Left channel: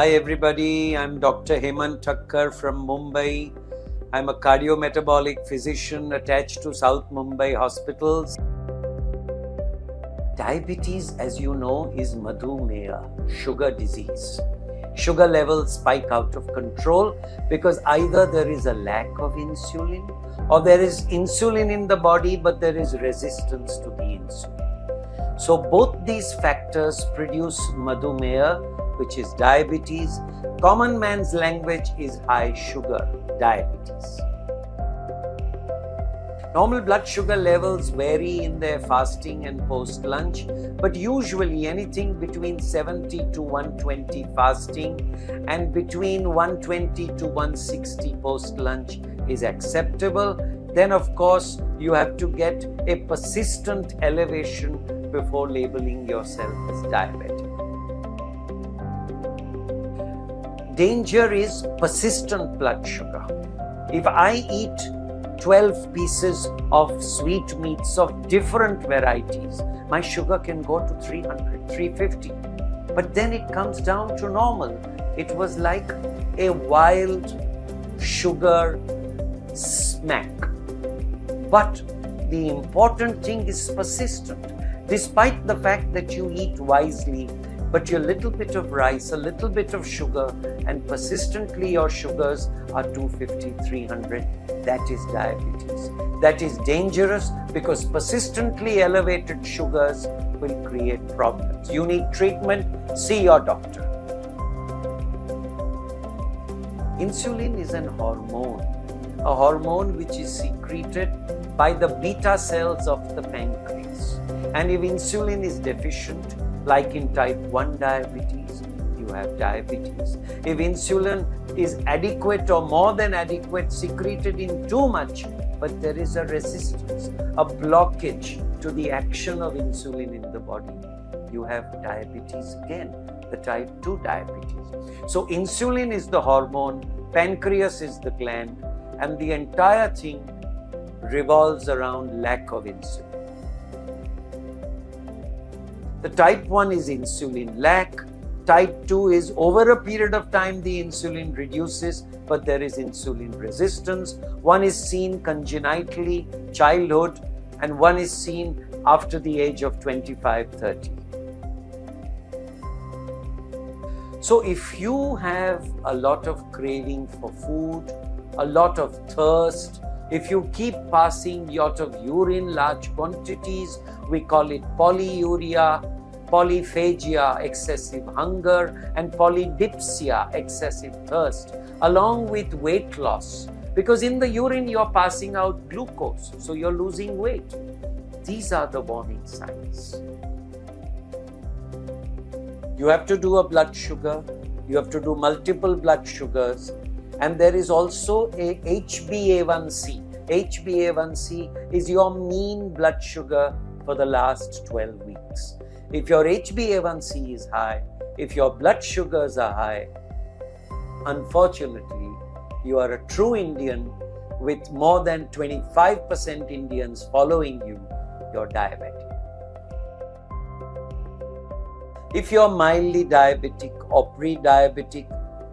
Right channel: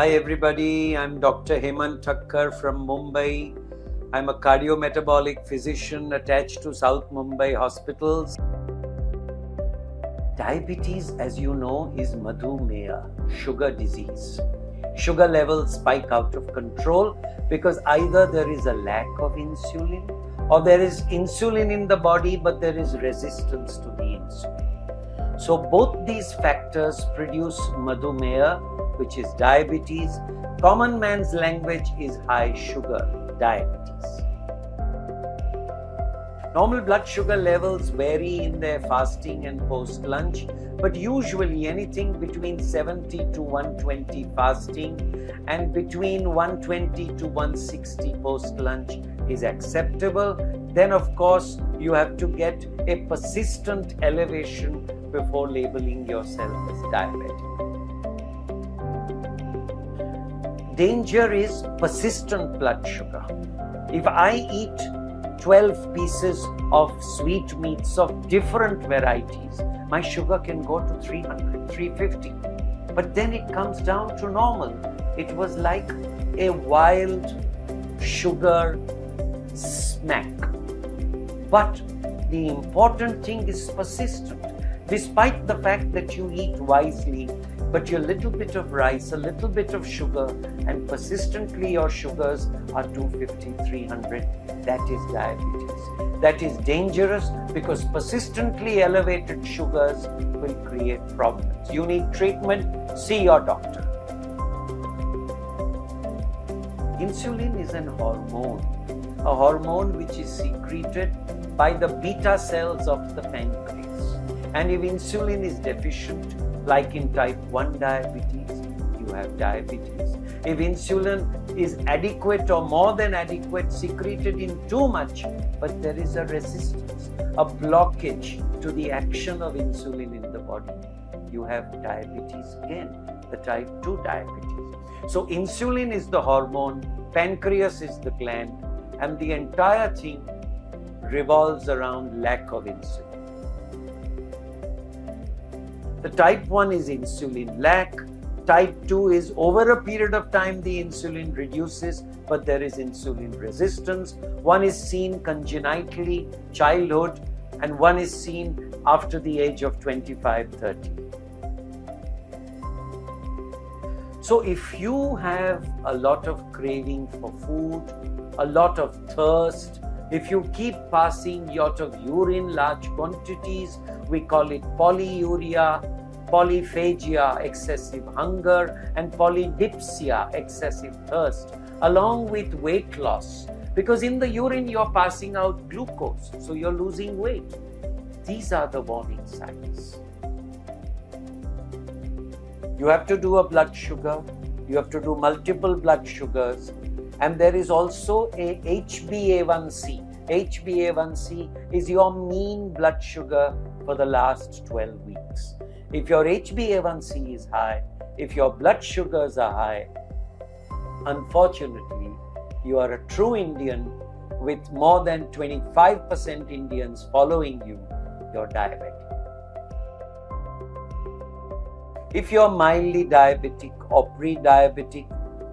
Hi everybody, I'm Dr. Hemant Thacker from Mumbai. I'm a cardio-metabolic physician attached to South Mumbai hospitals. Diabetes, as you know, is madhumeha, sugar disease. Sugar levels spike out of control because either there is a lack of insulin or there is insulin in the body but there is resistance to the insulin. So both these factors produce madhumeha, which is diabetes. Common man's language is high sugar diabetes. Normal blood sugar levels vary in their fasting and post-lunch, but usually anything between 70 to 120 fasting and between 120 to 160 post-lunch is acceptable. Then of course you have to get a persistent elevation before labeling yourself as diabetic. Danger is persistent blood sugar. If I eat 12 pieces of sweetmeats of different varieties, my sugar can go to 300, 350. But then it comes down to normal. It was like a wild sugar smack. But the important thing is persistent. Despite the fact that you eat wisely, but your little bit of rice, a little bit of sugar, and persistently your sugars are 250, 300, that is diabetes. That is dangerous because persistently elevated sugars will create problems. You need treatment, see your doctor. Insulin is an hormone, a hormone which is secreted by the beta cells of the pancreas. And if insulin is deficient, like in type 1 diabetes, you have diabetes. If insulin is adequate or more than adequate, secreted in too much, but there is a resistance, a blockage to the action of insulin in the body, you have diabetes again, the type 2 diabetes. So insulin is the hormone, pancreas is the gland, and the entire thing revolves around lack of insulin. The type 1 is insulin lack. Type 2 is over a period of time the insulin reduces, but there is insulin resistance. One is seen congenitally, childhood, and one is seen after the age of 25, 30. So if you have a lot of craving for food, a lot of thirst, if you keep passing a lot of urine, large quantities, we call it polyuria, polyphagia, excessive hunger, and polydipsia, excessive thirst, along with weight loss. Because in the urine, you're passing out glucose, so you're losing weight. These are the warning signs. You have to do a blood sugar, you have to do multiple blood sugars, and there is also a HbA1c. HbA1c is your mean blood sugar for the last 12 weeks. If your HbA1c is high, if your blood sugars are high, unfortunately, you are a true Indian with more than 25% Indians following you, you're diabetic. If you're mildly diabetic or pre-diabetic,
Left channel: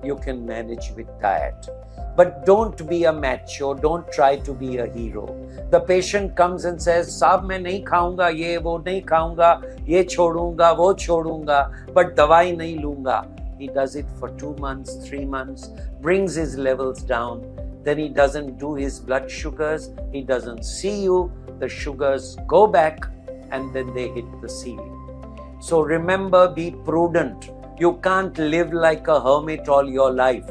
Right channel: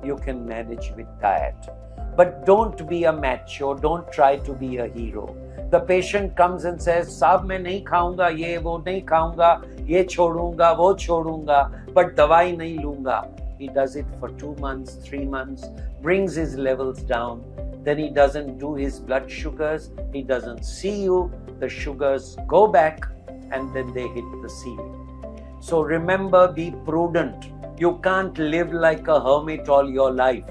you can manage with diet. But don't be a macho, don't try to be a hero. The patient comes and says, "Saab, main nahi khaunga, ye wo nahi khaunga, ye chhodunga, wo chhodunga, but dawai nahi lunga." He does it for 2 months, 3 months, brings his levels down. Then he doesn't do his blood sugars, he doesn't see you, the sugars go back, and then they hit the ceiling. So remember, be prudent. You can't live like a hermit all your life.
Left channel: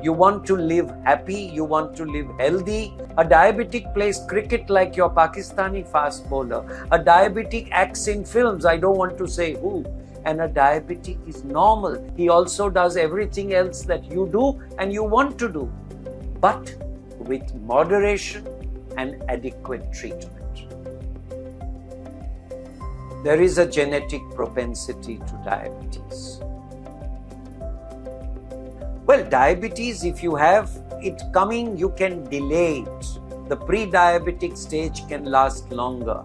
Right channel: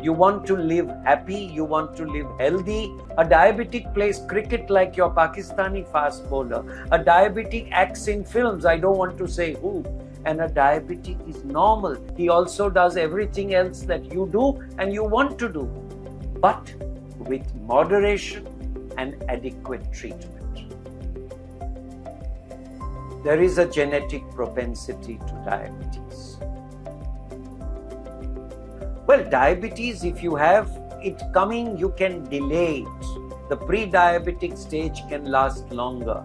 You want to live happy, you want to live healthy. A diabetic plays cricket like your Pakistani fast bowler. A diabetic acts in films, I don't want to say who. And a diabetic is normal. He also does everything else that you do and you want to do, but with moderation and adequate treatment. There is a genetic propensity to diabetes. Well, diabetes, if you have it coming, you can delay it. The pre-diabetic stage can last longer.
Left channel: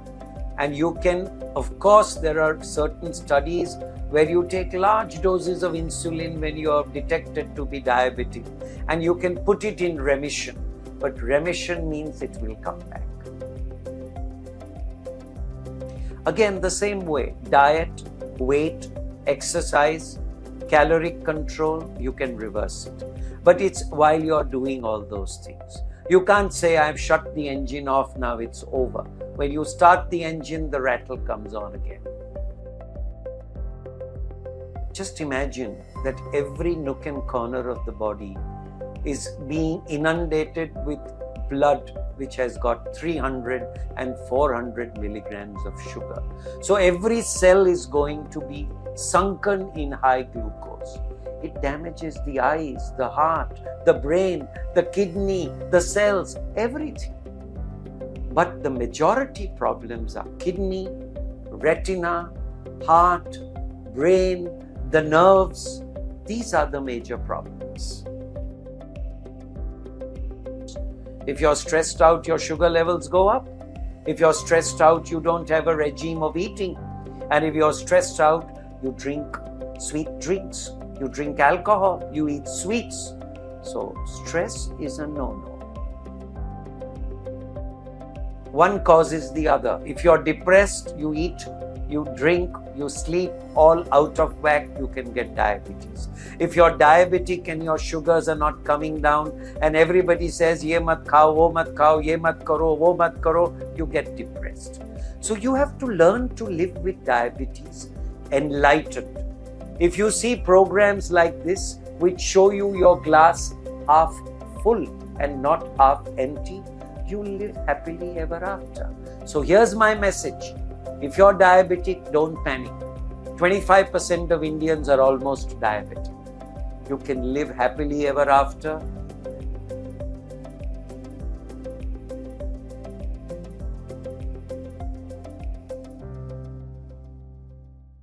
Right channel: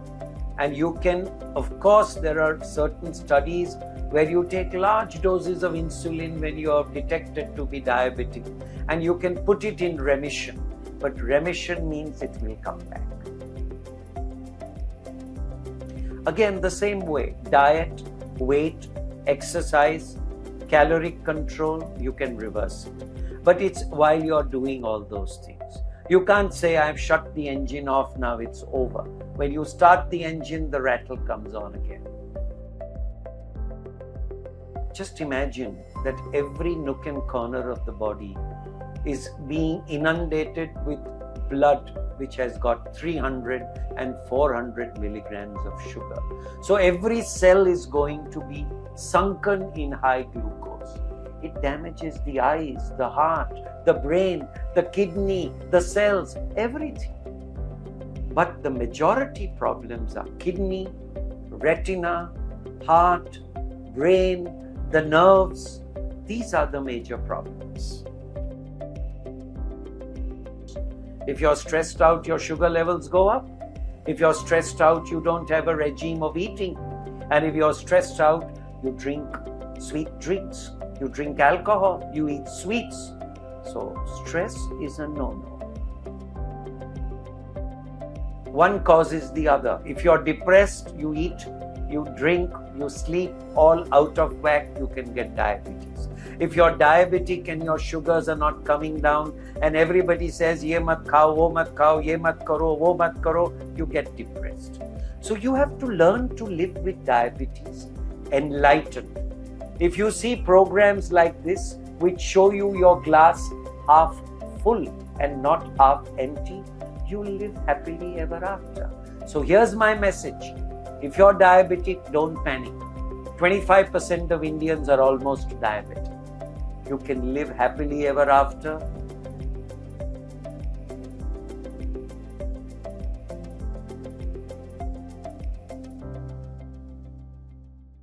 And you can, of course, there are certain studies where you take large doses of insulin when you are detected to be diabetic, and you can put it in remission. But remission means it will come back. Again, the same way, diet, weight, exercise, caloric control, you can reverse it. But it's while you're doing all those things. You can't say, I've shut the engine off, now it's over. When you start the engine, the rattle comes on again. Just imagine that every nook and corner of the body is being inundated with blood which has got 300 and 400 milligrams of sugar. So every cell is going to be sunken in high glucose. It damages the eyes, the heart, the brain, the kidney, the cells, everything. But the majority problems are kidney, retina, heart, brain, the nerves. These are the major problems. If you're stressed out, your sugar levels go up. If you're stressed out, you don't have a regime of eating. And if you're stressed out, you drink sweet drinks, you drink alcohol, you eat sweets. So stress is a no-no. One causes the other. If you're depressed, you eat, you drink, you sleep, all out of whack, you can get diabetes. If you're diabetic and your sugars are not coming down and everybody says, ye mat khao, wo mat khao, ye mat karo, wo mat karo, you get depressed. So you have to learn to live with diabetes, enlightened. If you see programs like this, which show you your glass half full and not half empty, you will live happily ever after. So here's my message. If you're diabetic, don't panic. 25% of Indians are almost diabetic. You can live happily ever after